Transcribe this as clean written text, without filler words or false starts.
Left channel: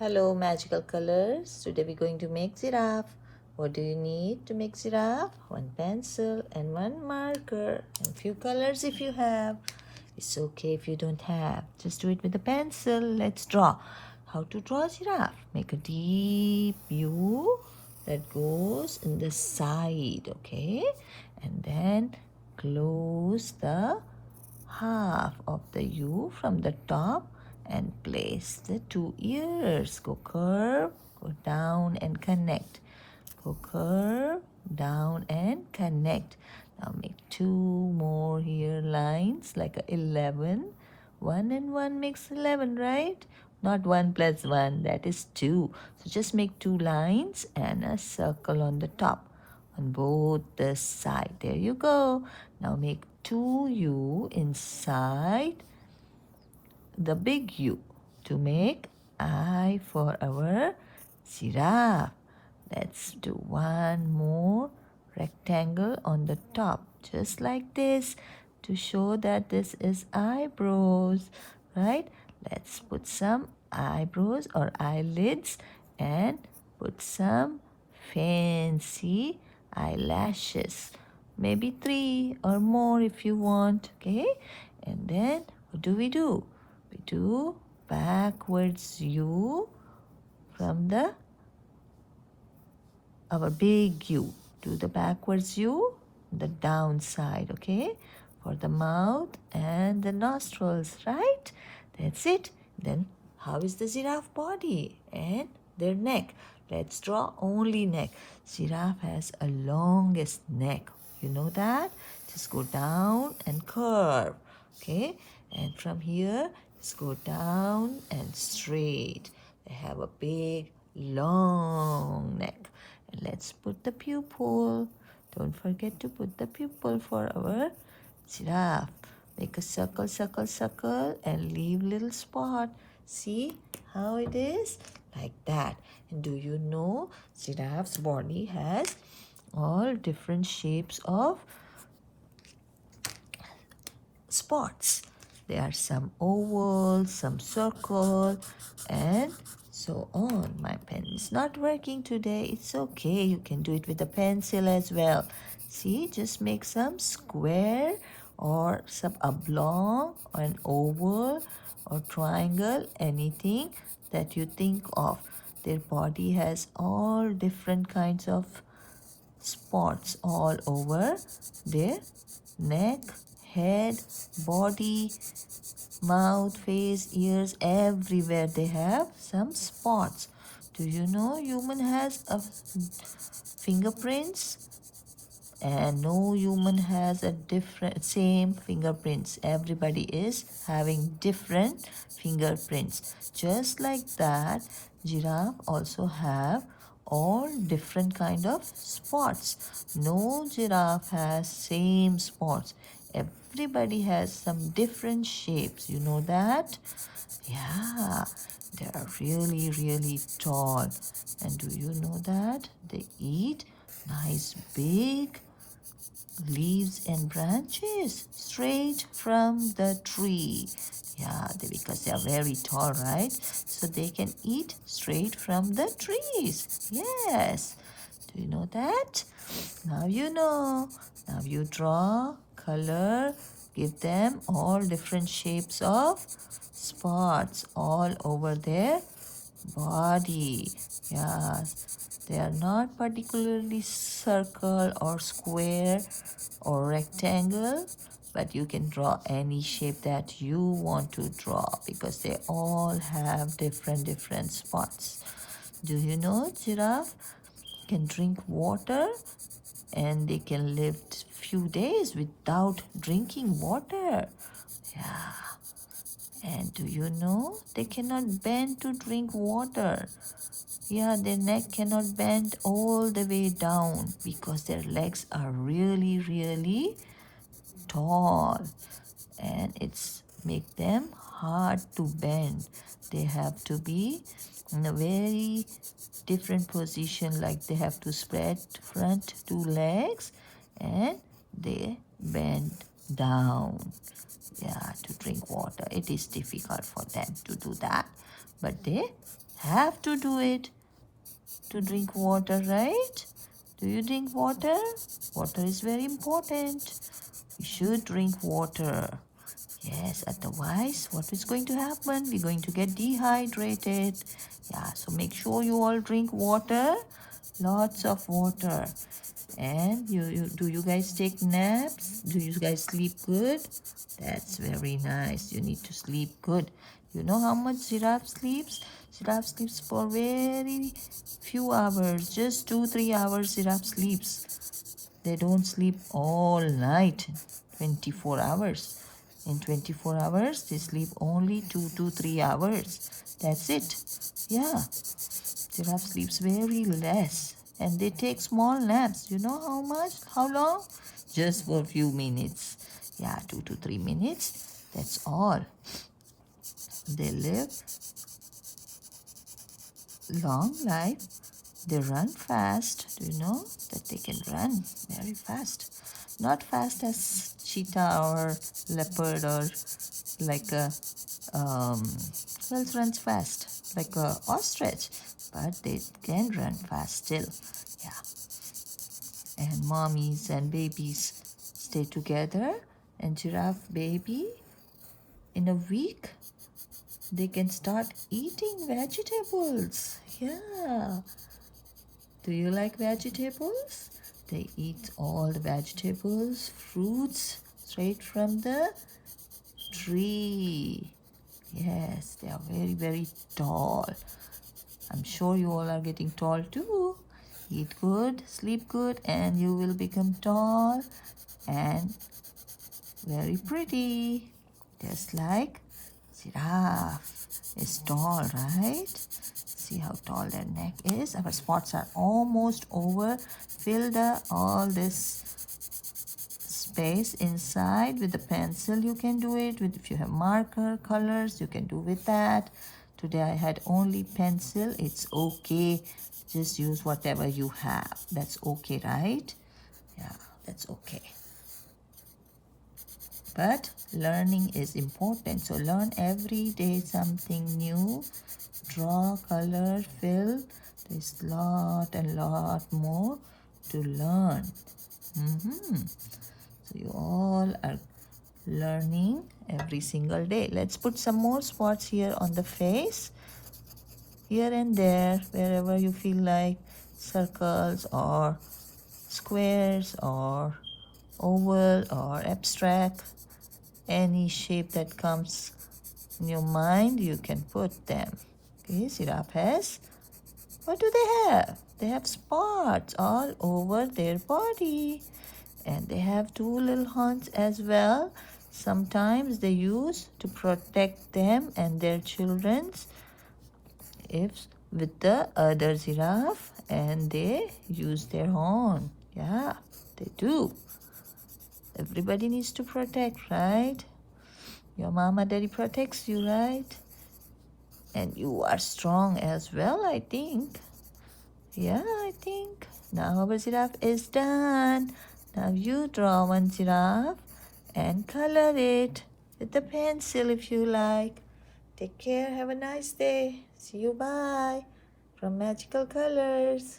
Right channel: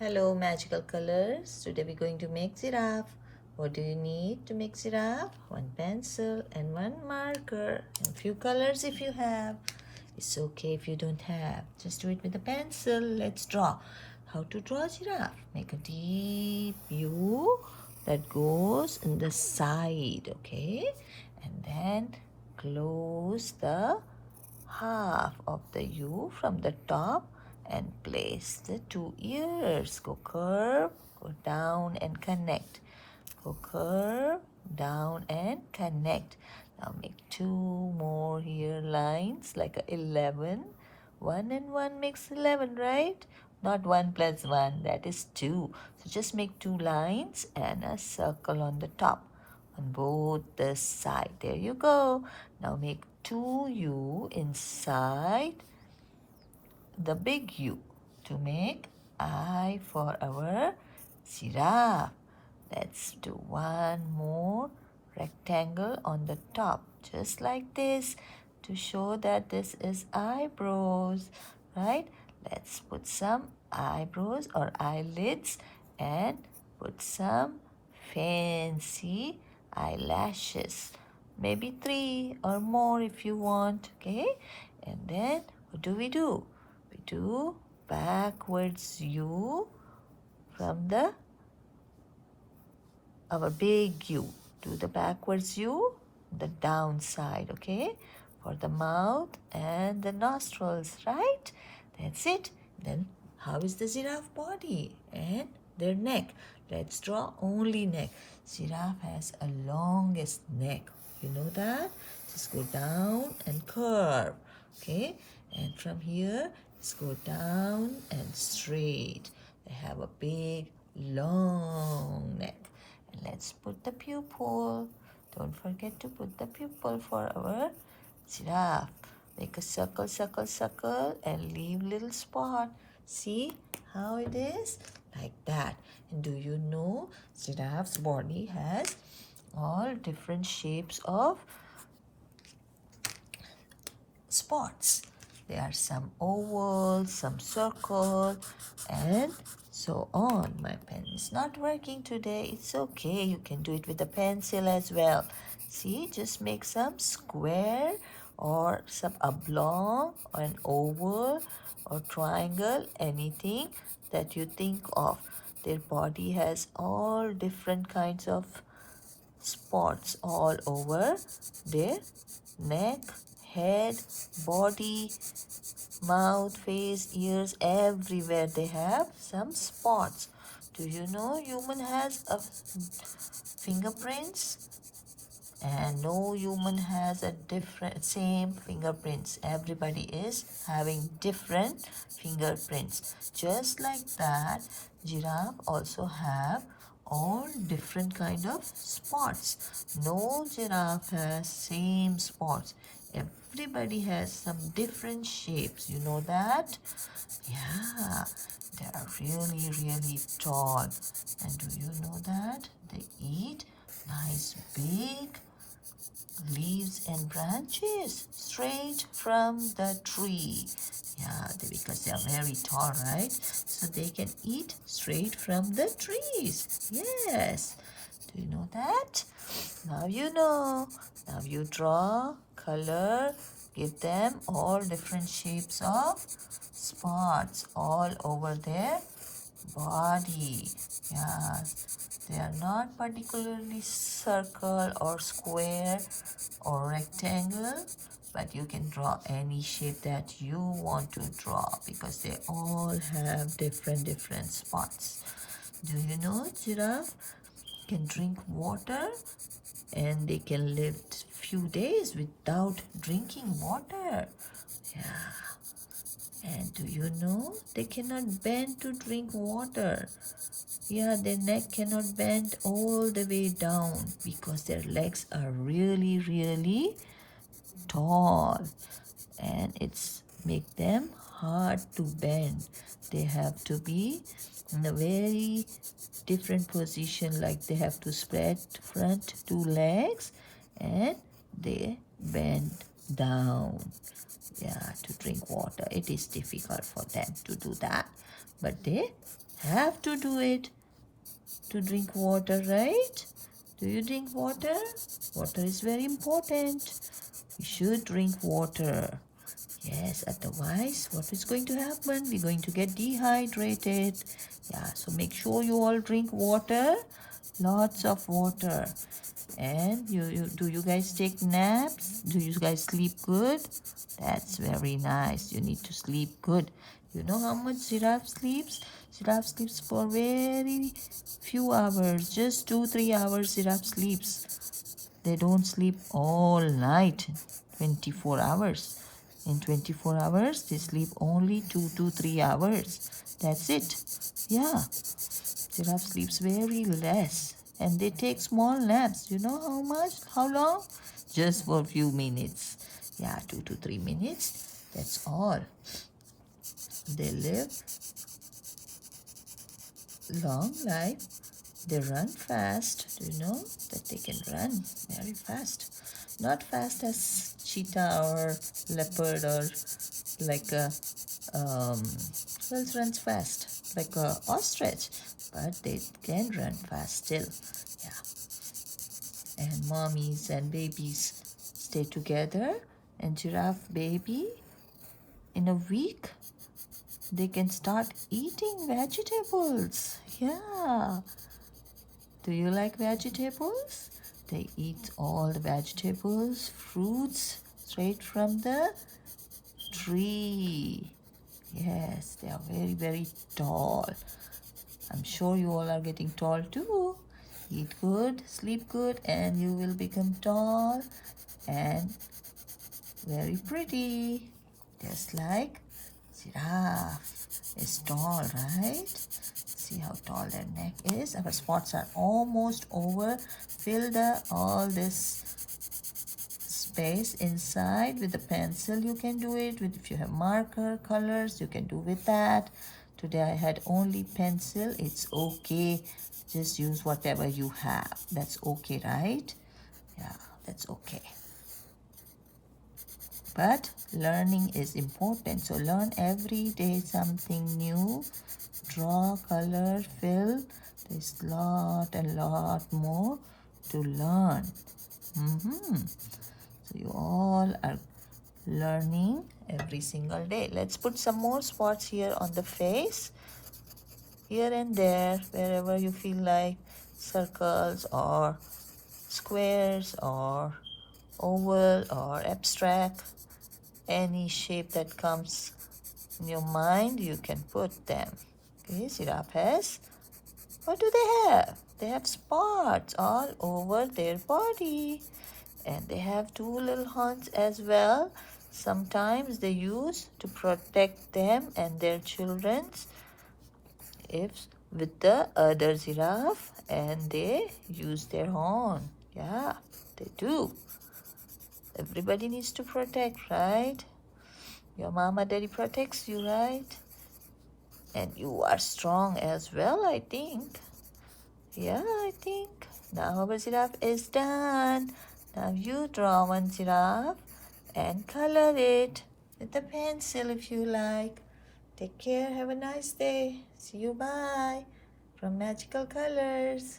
Hello magical colors. Today we're going to make giraffe. What do you need to make giraffe? One pencil and one marker and few colors if you have. It's okay if you don't have. Just do it with a pencil. Let's draw. How to draw giraffe? Make a deep U that goes in the side, okay? And then close the half of the U from the top and place the two ears. Go curve, go down and connect. Go curve, down and connect. Now make two more here lines like a 11. 1 and 1 makes 11, right? Not 1 plus 1, that is 2. So just make two lines and a circle on the top on both the side. There you go. Now make 2U inside the big U to make I for our giraffe. Let's do one more rectangle on the top, just like this, to show that this is eyebrows, right? Let's put some eyebrows or eyelids and put some fancy eyelashes, maybe 3 or more if you want, okay? And then what do? We do backwards U from our big U. Do the backwards U, the down side, okay? For the mouth and the nostrils, right? That's it. Then how is the giraffe body and their neck? Let's draw only neck. Giraffe has a longest neck. You know that? Just go down and curve, okay? And from here, just go down and straight. They have a big, long neck. And let's put the pupil. Don't forget to put the pupil for our giraffe. Make a circle, circle, circle and leave little spot. See how it is? Like that. And do you know giraffe's body has all different shapes of spots. There are some oval, some circle, and so on. My pen is not working today. It's okay. You can do it with a pencil as well. See, just make some square or some oblong or an oval or triangle, anything that you think of. Their body has all different kinds of spots all over their neck, head, body, mouth, face, ears, everywhere they have some spots. Do you know human has a fingerprints? And no human has a different same fingerprints. Everybody is having different fingerprints. Just like that, giraffe also have all different kind of spots. No giraffe has same spots. Everybody has some different shapes. You know that? Yeah, they are really, really tall. And do you know that? They eat nice big leaves and branches straight from the tree. Yeah, because they are very tall, right? So they can eat straight from the trees. Yes. Do you know that? Now you know. Now you draw, color, give them all different shapes of spots all over their body. Yeah, they are not particularly circle or square or rectangle, but you can draw any shape that you want to draw because they all have different spots. Do you know giraffe can drink water and they can live few days without drinking water? Yeah. And do you know they cannot bend to drink water? Yeah, their neck cannot bend all the way down because their legs are really, really tall. And it's make them hard to bend. They have to be in a very different position, like they have to spread front two legs and they bend down. Yeah, to drink water. It is difficult for them to do that, but they have to do it to drink water, right? Do you drink water? Water is very important. We should drink water. Yes, otherwise, what is going to happen? We're going to get dehydrated. Yeah, so make sure you all drink water. Lots of water. And do you guys take naps? Do you guys sleep good? That's very nice. You need to sleep good. You know how much giraffe sleeps? Giraffe sleeps for very few hours. Just 2-3 hours giraffe sleeps. They don't sleep all night. 24 hours. In 24 hours, they sleep only 2 to 3 hours. That's it. Yeah. Giraffe sleeps very less. And they take small naps. You know how much? How long? Just for a few minutes. Yeah, 2 to 3 minutes. That's all. They live long life. They run fast. Do you know that they can run very fast? Not fast as cheetah or leopard or like a who else runs fast? Like a ostrich, but they can run fast still. Yeah. And mommies and babies stay together, and giraffe baby in a week they can start eating vegetables. Yeah. Do you like vegetables? They eat all the vegetables, fruits straight from the tree. Yes, they are very, very tall. I'm sure you all are getting tall too. Eat good, sleep good, and you will become tall and very pretty. Just like giraffe is tall, right? See how tall their neck is. Our spots are almost over. Fill all this space inside with the pencil. You can do it with, if you have marker colors, you can do with that. Today I had only pencil. It's okay. Just use whatever you have. That's okay, right? Yeah, that's okay. But learning is important. So learn every day something new. Draw, color, fill. There's lot and lot more to learn. So you all are learning every single day. Let's put some more spots here on the face. Here and there, wherever you feel like, circles or squares or oval or abstract. Any shape that comes in your mind, you can put them. These giraffes, what do they have? They have spots all over their body. And they have two little horns as well. Sometimes they use to protect them and their children's if with the other giraffe, and they use their horn. Yeah, they do. Everybody needs to protect, right? Your mama daddy protects you, right? And you are strong as well, I think. Yeah, I think. Now our giraffe is done. Now you draw one giraffe and color it with the pencil if you like. Take care. Have a nice day. See you. Bye. From Magical Colors.